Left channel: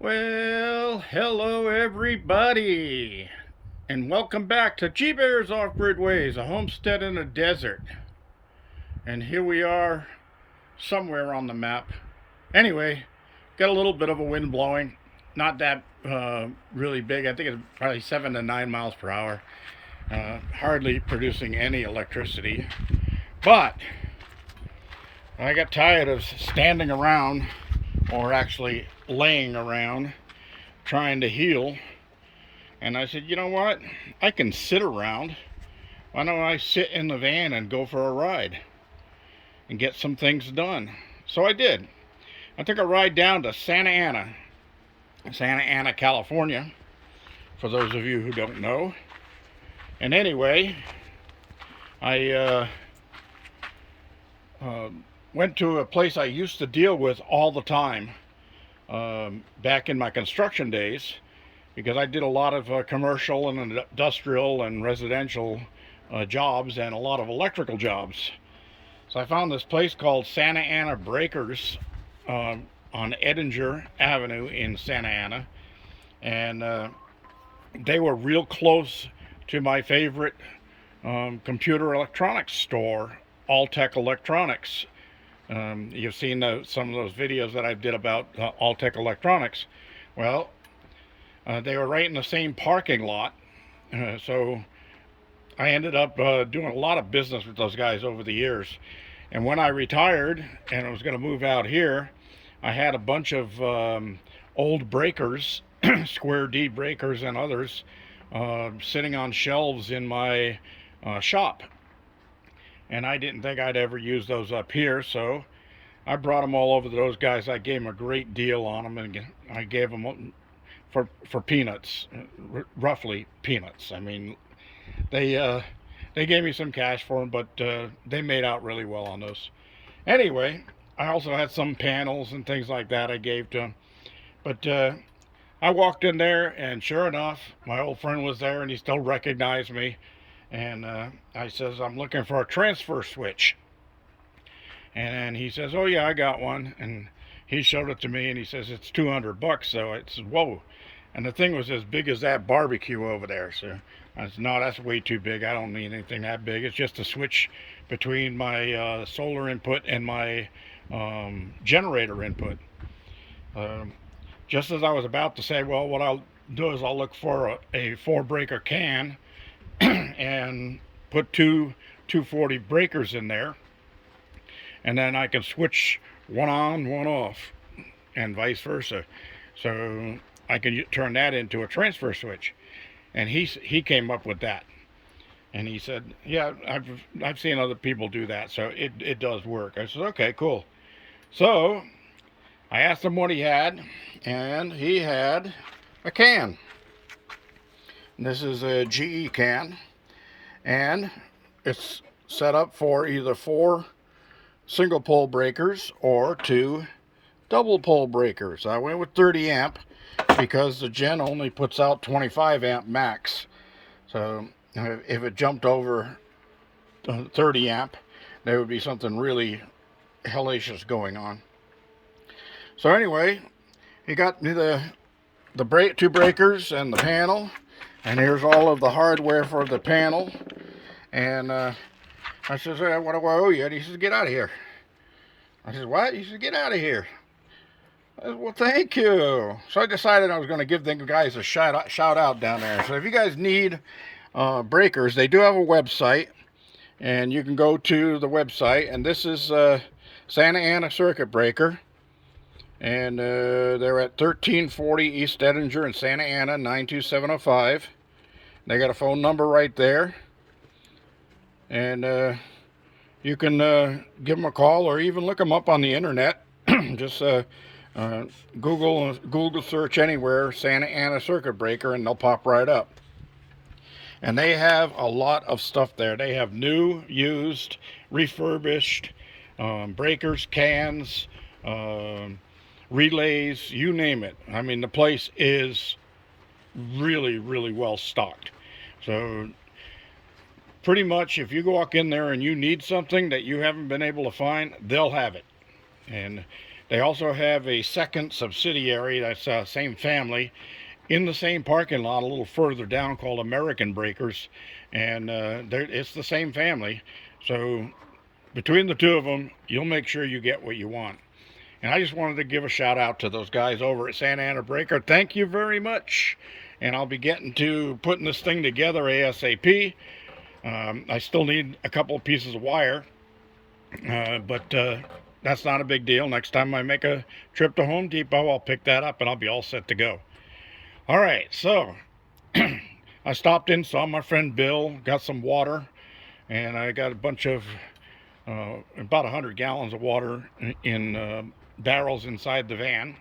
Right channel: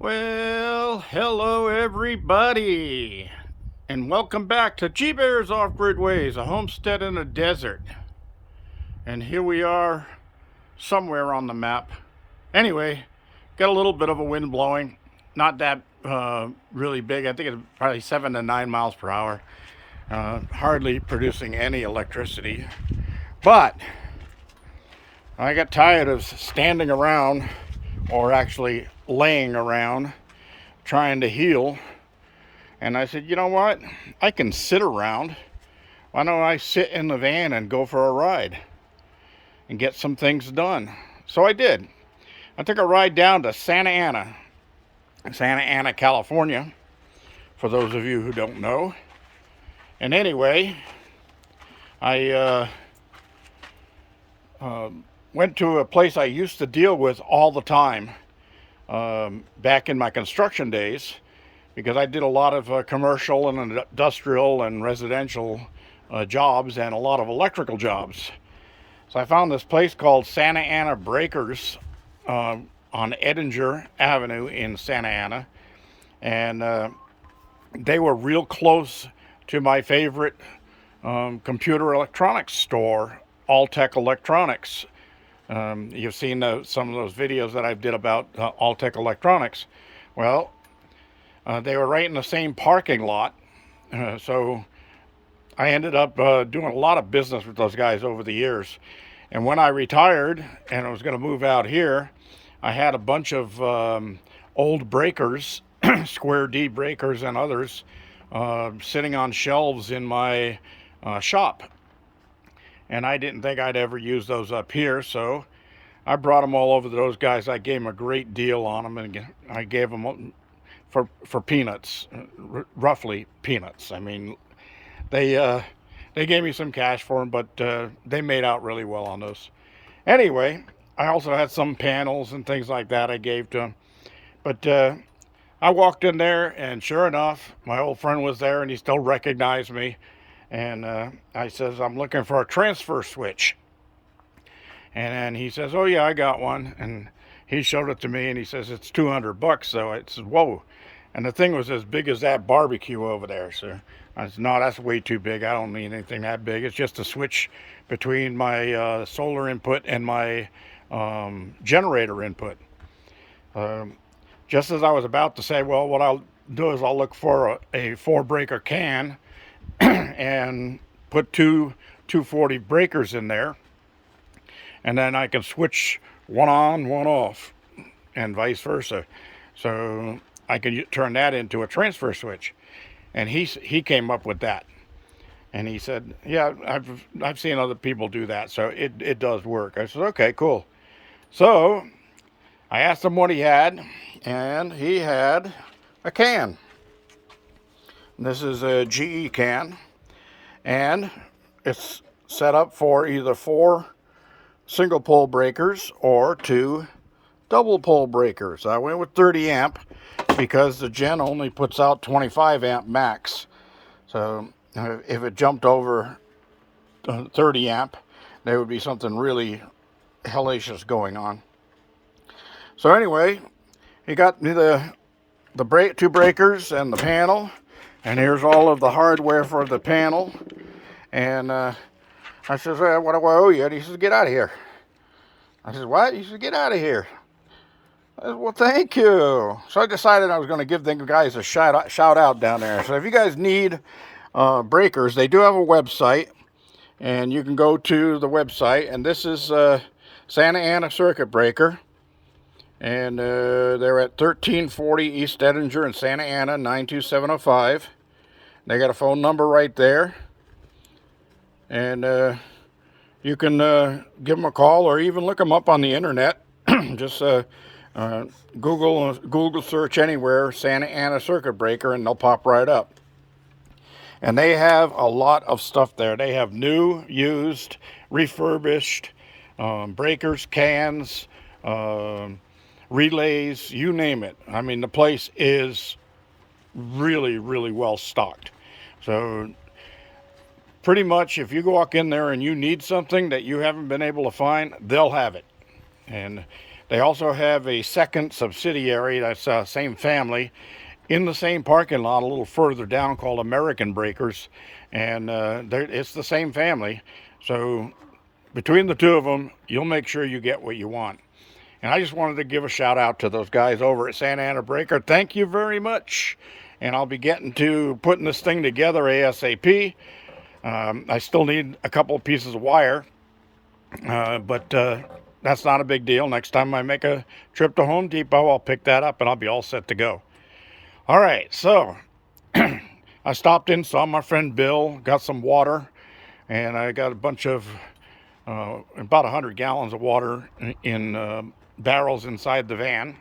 Well, hello everybody, and welcome back to G Bear's Off-Grid Ways, a homestead in a desert. And here we are, somewhere on the map. Anyway, got a little bit of a wind blowing, not that really big. I think it's probably 7 to 9 miles per hour. Hardly producing any electricity. But I got tired of standing around, or actually laying around, trying to heal. And I said, you know what? I can sit around. Why don't I sit in the van and go for a ride and get some things done? So I did. I took a ride down to Santa Ana, California, for those of you who don't know. And anyway, I went to a place I used to deal with all the time back in my construction days, because I did a lot of commercial and industrial and residential jobs and a lot of electrical jobs. So I found this place called Santa Ana Breakers on Edinger Avenue in Santa Ana, and they were real close to my favorite computer electronics store, All-Tech Electronics. You've seen some of those videos that I did about All-Tech Electronics. Well, they were right in the same parking lot, so I ended up doing a lot of business with those guys over the years. And when I retired and I was going to move out here, I had a bunch of old breakers, Square D breakers and others, sitting on shelves in my shop. And I didn't think I'd ever use those up here, so I brought them all over to those guys. I gave them a great deal on them, and I gave them for peanuts, roughly peanuts. I mean, they gave me some cash for them, but they made out really well on those. Anyway, I also had some panels and things like that I gave to them. But I walked in there, and sure enough, my old friend was there, and he still recognized me. And I says, I'm looking for a transfer switch. And then he says, oh yeah, I got one. And he showed it to me, and he says, it's $200. So I said, whoa. And the thing was as big as that barbecue over there. So I said, no, that's way too big. I don't need anything that big. It's just a switch between my solar input and my generator input. Just as I was about to say, well, what I'll do is I'll look for a 4-breaker can and put two 240 breakers in there, and then I can switch one on, one off, and vice versa. So I can turn that into a transfer switch. And he came up with that, and he said, yeah, I've seen other people do that, so it does work. I said, okay, cool. So I asked him what he had, and he had a can. This is a GE can, and it's set up for either 4 single pole breakers or 2 double pole breakers. I went with 30 amp because the gen only puts out 25 amp max. So if it jumped over 30 amp, there would be something really hellacious going on. So anyway, he got me the 2 breakers and the panel. And here's all of the hardware for the panel. And I says, what do I owe you? And he says, get out of here. I said, what? He said, get out of here. I said, well, thank you. So I decided I was going to give the guys a shout out down there. So if you guys need breakers, they do have a website. And you can go to the website. And this is Santa Ana Circuit Breaker. And they're at 1340 East Edinger in Santa Ana, 92705. They got a phone number right there. And you can give them a call or even look them up on the internet. Just Google search anywhere, Santa Ana Circuit Breaker, and they'll pop right up. And they have a lot of stuff there. They have new, used, refurbished breakers, cans, relays, you name it. I mean, the place is really, really well stocked. So pretty much if you walk in there and you need something that you haven't been able to find, they'll have it. And They also have a second subsidiary that's same family in the same parking lot a little further down called American Breakers, and it's the same family. So between the two of them, you'll make sure you get what you want. And I just wanted to give a shout out to those guys over at Santa Ana Breaker. Thank you very much. And I'll be getting to putting this thing together ASAP. I still need a couple of pieces of wire, but that's not a big deal. Next time I make a trip to Home Depot, I'll pick that up and I'll be all set to go. All right, so I stopped in, saw my friend Bill, got some water, and I got a bunch of about 100 gallons of water in barrels inside the van,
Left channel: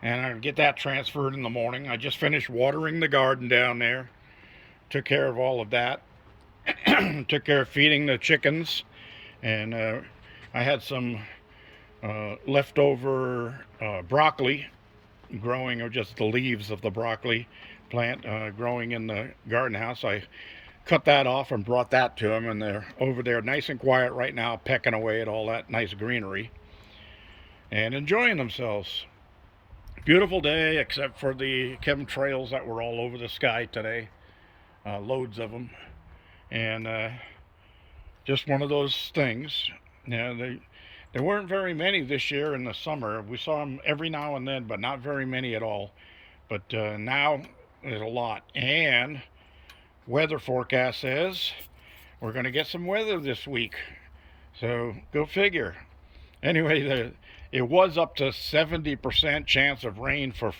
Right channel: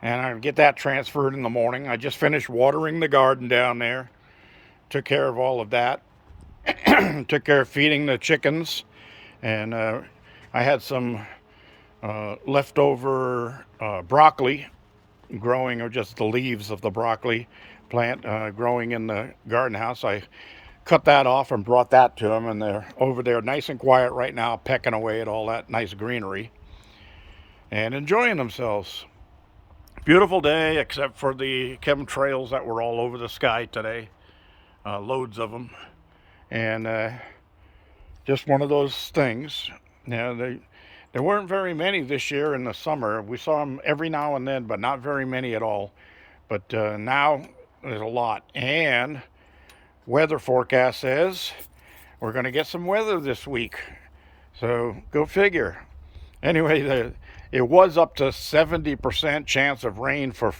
and I get that transferred in the morning. I just finished watering the garden down there, took care of all of that, took care of feeding the chickens, and I had some leftover broccoli growing, or just the leaves of the broccoli plant growing in the garden house. I cut that off and brought that to them, and they're over there nice and quiet right now, pecking away at all that nice greenery and enjoying themselves. Beautiful day, except for the chemtrails that were all over the sky today. Loads of them. And just one of those things. Now, there weren't very many this year in the summer. We saw them every now and then, but not very many at all. But now there's a lot. And weather forecast says we're going to get some weather this week. So go figure. Anyway, it was up to 70% chance of rain for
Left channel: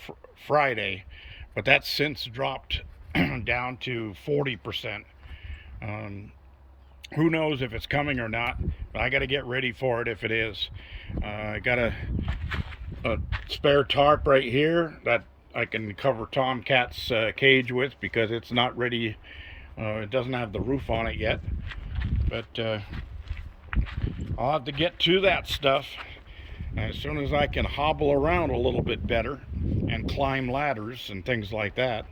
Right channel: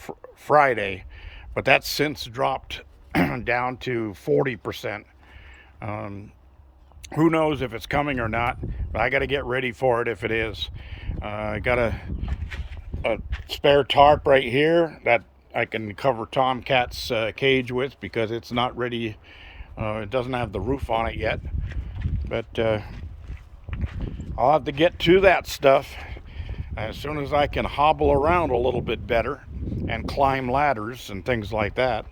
Friday, but that's since dropped down to 40%. Who knows if it's coming or not, but I got to get ready for it if it is. I got a spare tarp right here that I can cover Tomcat's cage with, because it's not ready. It doesn't have the roof on it yet, but I'll have to get to that stuff as soon as I can hobble around a little bit better and climb ladders and things like that.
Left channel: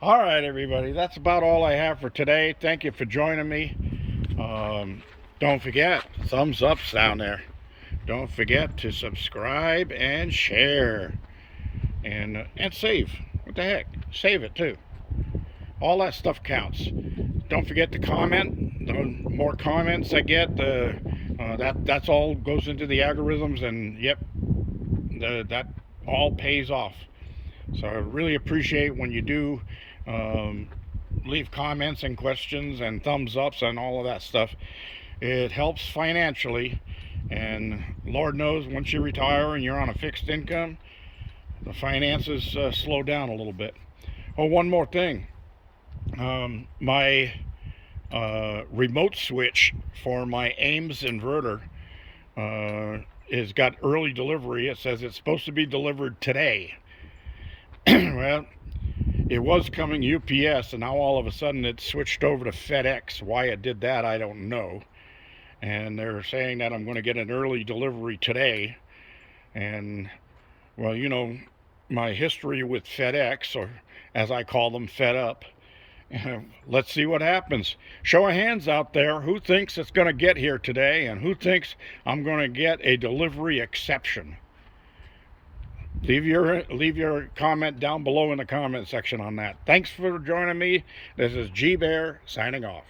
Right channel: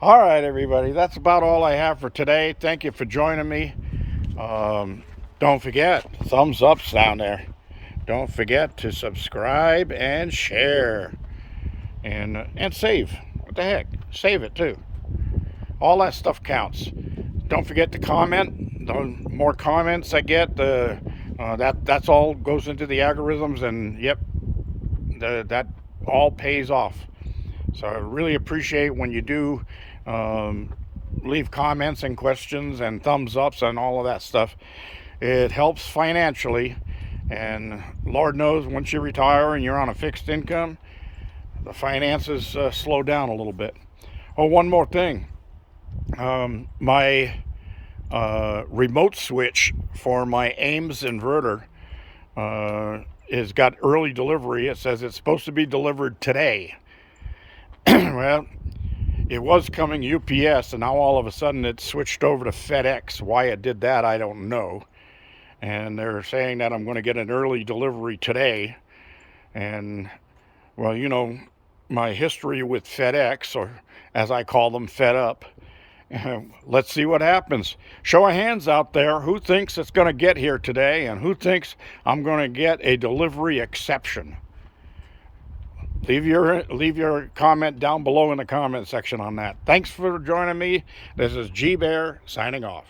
All right, everybody, that's about all I have for today. Thank you for joining me. Don't forget, thumbs ups down there. Don't forget to subscribe and share, and save. What the heck? Save it too. All that stuff counts. Don't forget to comment. The more comments I get, that's all goes into the algorithms, and yep, that all pays off. So I really appreciate when you do leave comments and questions and thumbs ups and all of that stuff. It helps financially, and Lord knows once you retire and you're on a fixed income, the finances slow down a little bit. Oh, one more thing. My remote switch for my Ames inverter has got early delivery. It says it's supposed to be delivered today. Well, it was coming UPS, and now all of a sudden it switched over to FedEx. Why it did that, I don't know. And they're saying that I'm going to get an early delivery today. And, well, you know, my history with FedEx, or as I call them, Fed Up. Let's see what happens. Show of hands out there. Who thinks it's going to get here today, and who thinks I'm going to get a delivery exception? Leave your comment down below in the comment section on that. Thanks for joining me. This is G Bear signing off.